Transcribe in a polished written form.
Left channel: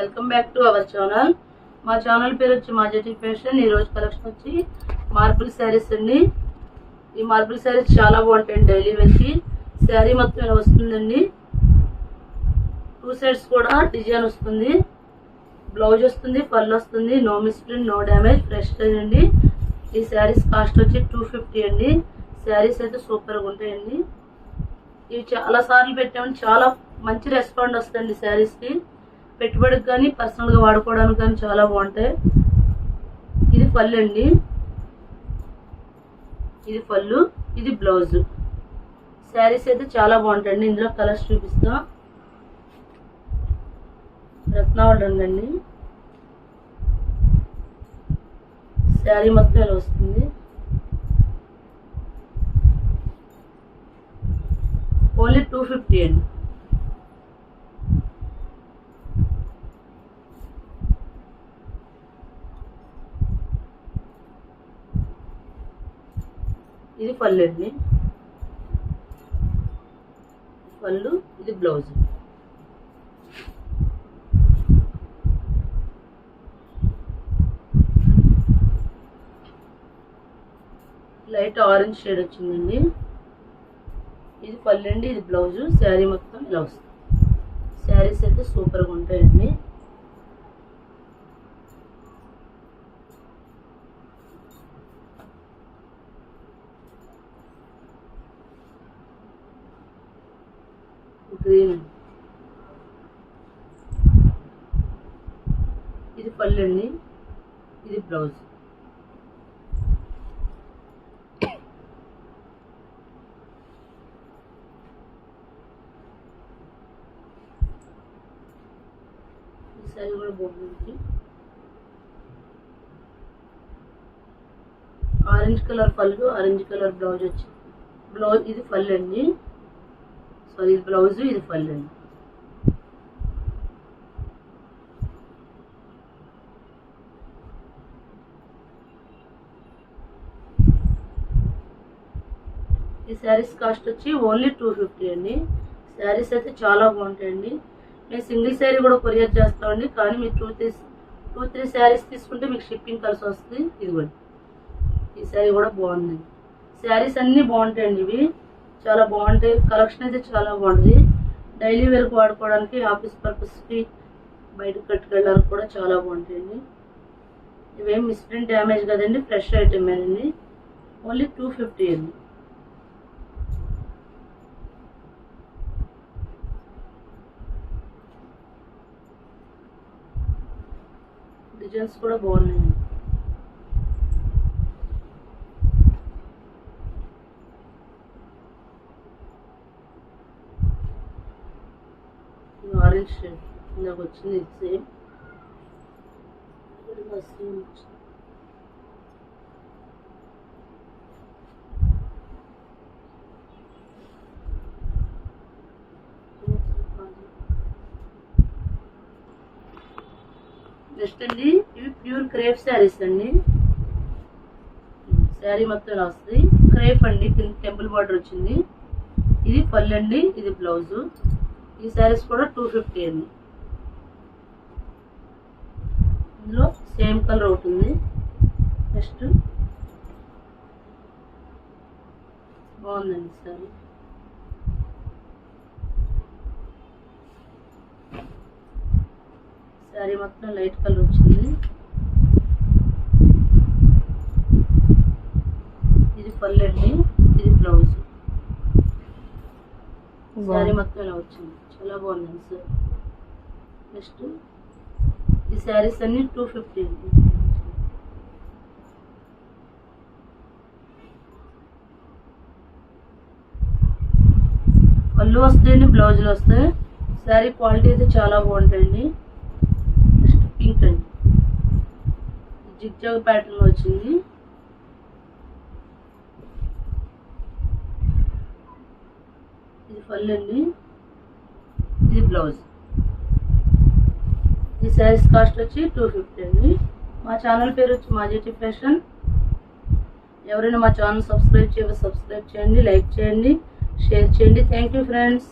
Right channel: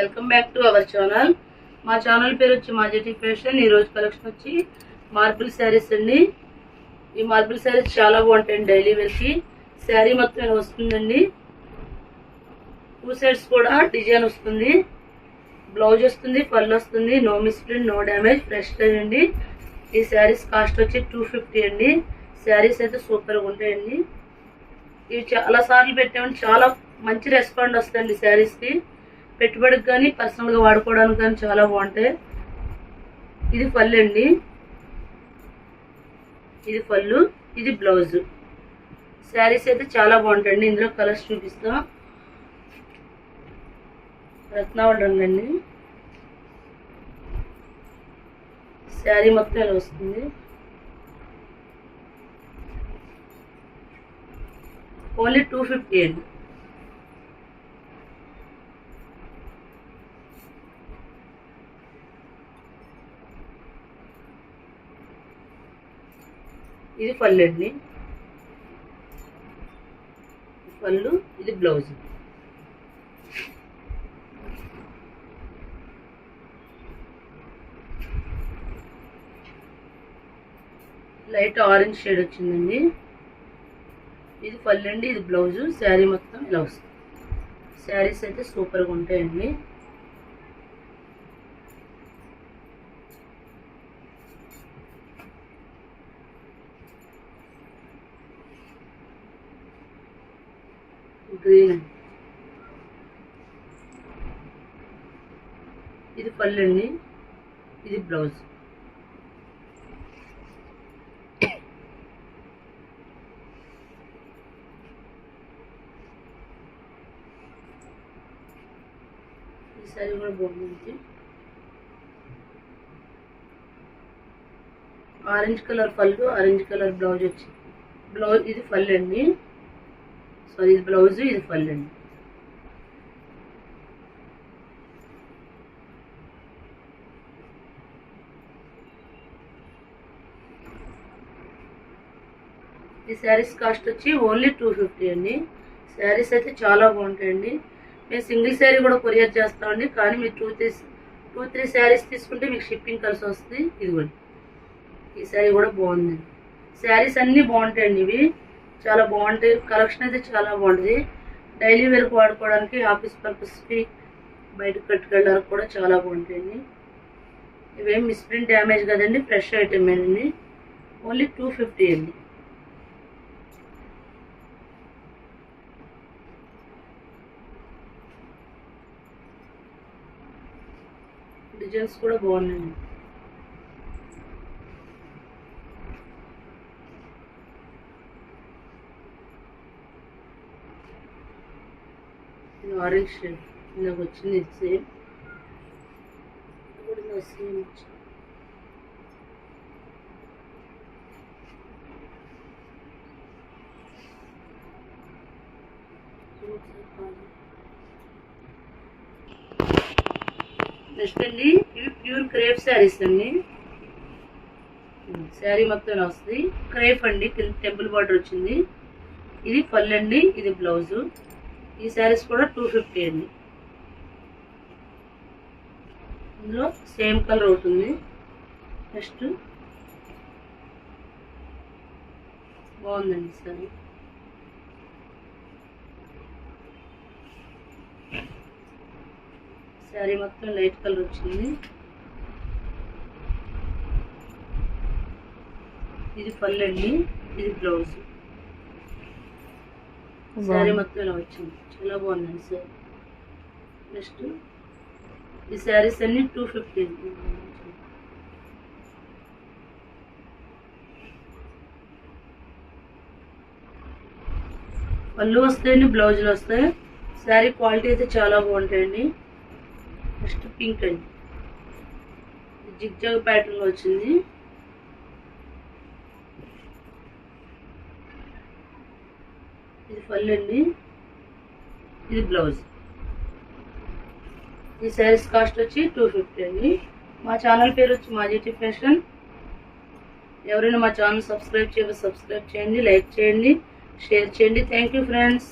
Welcome back to our channel. మా channel పేరు వచ్చి మాజెటీ ఫ్యాషన్. ఈ రోజు కలెక్షన్ వచ్చి మార్బుల్ శారీస్ అండి. ఈ మార్బుల్ శారీస్ చాలా బాగుంటాయండి. డైలీ వేర్ కి శారీ మొత్తం ఇలా వస్తుందండి. 2 సైడ్స్ కూడా డిజైన్ వస్తుంది, బ్లౌజ్ వస్తుంది, పళ్ళు వస్తుంది. No misprint, no damage, fresh అండి. ఈ శారీస్ కాస్ట్ వచ్చి 250 అండి. శారీస్ అయితే సూపర్గా ఉంటాయండి. ఇవి చాలా సార్లు పెట్టామండి, చాలా మంచి రెస్పాండ్ వస్తుంది శారీస్కి. పెట్టుబడికి కానీ పర్సనల్గా వాడుకోవడానికి కానీ చాలా బాగుంటాయి. ఇది పళ్ళు అండి, ఇది పళ్ళు, ఇది బ్లౌజ్. శారీస్ అయితే చాలా బాగుంటాయండి. ఇందులో కలర్స్ చూపిస్తాం. రత్నావళి రంగు అండి. శారీ మొత్తం ఇలా వస్తుంది. ఓన్లీ 250 అండి. ఇది పళ్ళు అండి, పళ్ళు, ఇది బ్లౌజ్. లైట్ ఆరెంజ్ షేడ్ వచ్చిందండి. ఇది పళ్ళు అండి, ఇది బ్లౌజ్. శారీ మొత్తం ఇలా వస్తుంది. శారీస్ అయితే సూపర్గా ఉంటాయండి. గ్రీన్, ఇది పళ్ళు అండి, ఇది బ్లౌజ్. ఈ సారీ కూడా బాగుంది. ఆరెంజ్ కలర్ పళ్ళు, ఆరెంజ్ కలర్ బ్లౌజ్ వచ్చింది. బ్లౌజ్ ఇది పళ్ళు అండి, సారీ ఇది బ్లౌజ్, ఇది పళ్ళు అండి. ఈ శారీస్ కాస్ట్ వచ్చి ఓన్లీ 250 అండి. శారీస్ అయితే చాలా బాగుంటాయండి. మేము సింగిల్ శారీ కూడా కొరియర్ చేస్తామండి. కానీ మీరు 2-3 శారీస్ తీసుకుంటే మీకు షిప్పింగ్ కలిసి వస్తుంది. ఇదిగోండి, ఈ శారీ కూడా బాగుందండి. శారీస్ అన్నీ బాగుంటాయండి. ఇవి చాలా బాగుంటాయి. కలెక్షన్ అయితే చాలా బాగుంటుంది. డైలీ వేర్కి వాడుకోవడానికి, ఆఫీస్ పర్పస్కి, బయటకు కట్టుకెళ్ళడానికి కూడా చాలా బాగుంటాయండి. ఇవేం మిస్ప్రింట్ డ్యామేజ్ కదండి, ఫ్రెష్ ఐటమ్ అండి. ఓన్లీ 250 అండి. డిజైన్స్ కూడా బాగున్నాయండి. ఇది ఆరెంజ్ షేడ్ ఇందాక వచ్చింది. ఇది సేమ్ సేమ్ వచ్చింది. నెక్స్ట్ అండి, ఇవి ప్యూర్ క్రేప్ శారీస్ అండి. శారీ మొత్తం ఇలా వస్తుంది. క్రేప్ అండి, కింద టెంపుల్ బార్డర్ వచ్చింది. ఇది పళ్ళు అండి, ఇది బ్లౌజు. ఈ శారీస్ కూడా 250 అండి. ఇందులో సేమ్ కలర్ ఒకటి ఉంది. నెక్స్ట్ బాగుందండి శారీ. శారీ మొత్తం లైట్ కలర్ వచ్చింది. ఇది పళ్ళు అండి, ఇది బ్లౌజ్. శారీ మొత్తం ఇలా వచ్చింది. చాలా బాగుందండి సార్. నెక్స్ట్ ఈ శారీస్ అన్ని 250 అండి. పళ్ళు వస్తాయండి, బ్లౌజులు వస్తాయి. శారీ క్వాలిటీ అయితే చాలా బాగుంటాయండి. నెక్స్ట్ పింక్ అండి, జిగ్జాగ్ ప్యాటర్న్ వచ్చింది. ఇది పళ్ళు అండి, ఇది బ్లౌజ్. ఈ శారీస్ కాస్ట్ వచ్చి 250 అండి. మా ఛానల్ పేరు వచ్చి మాజెటీ ఫ్యాషన్. ఎవరైనా మా ఛానల్ సబ్స్క్రైబ్ చేయండి, లైక్ చేయండి, షేర్ చేయండి. Thank you friends.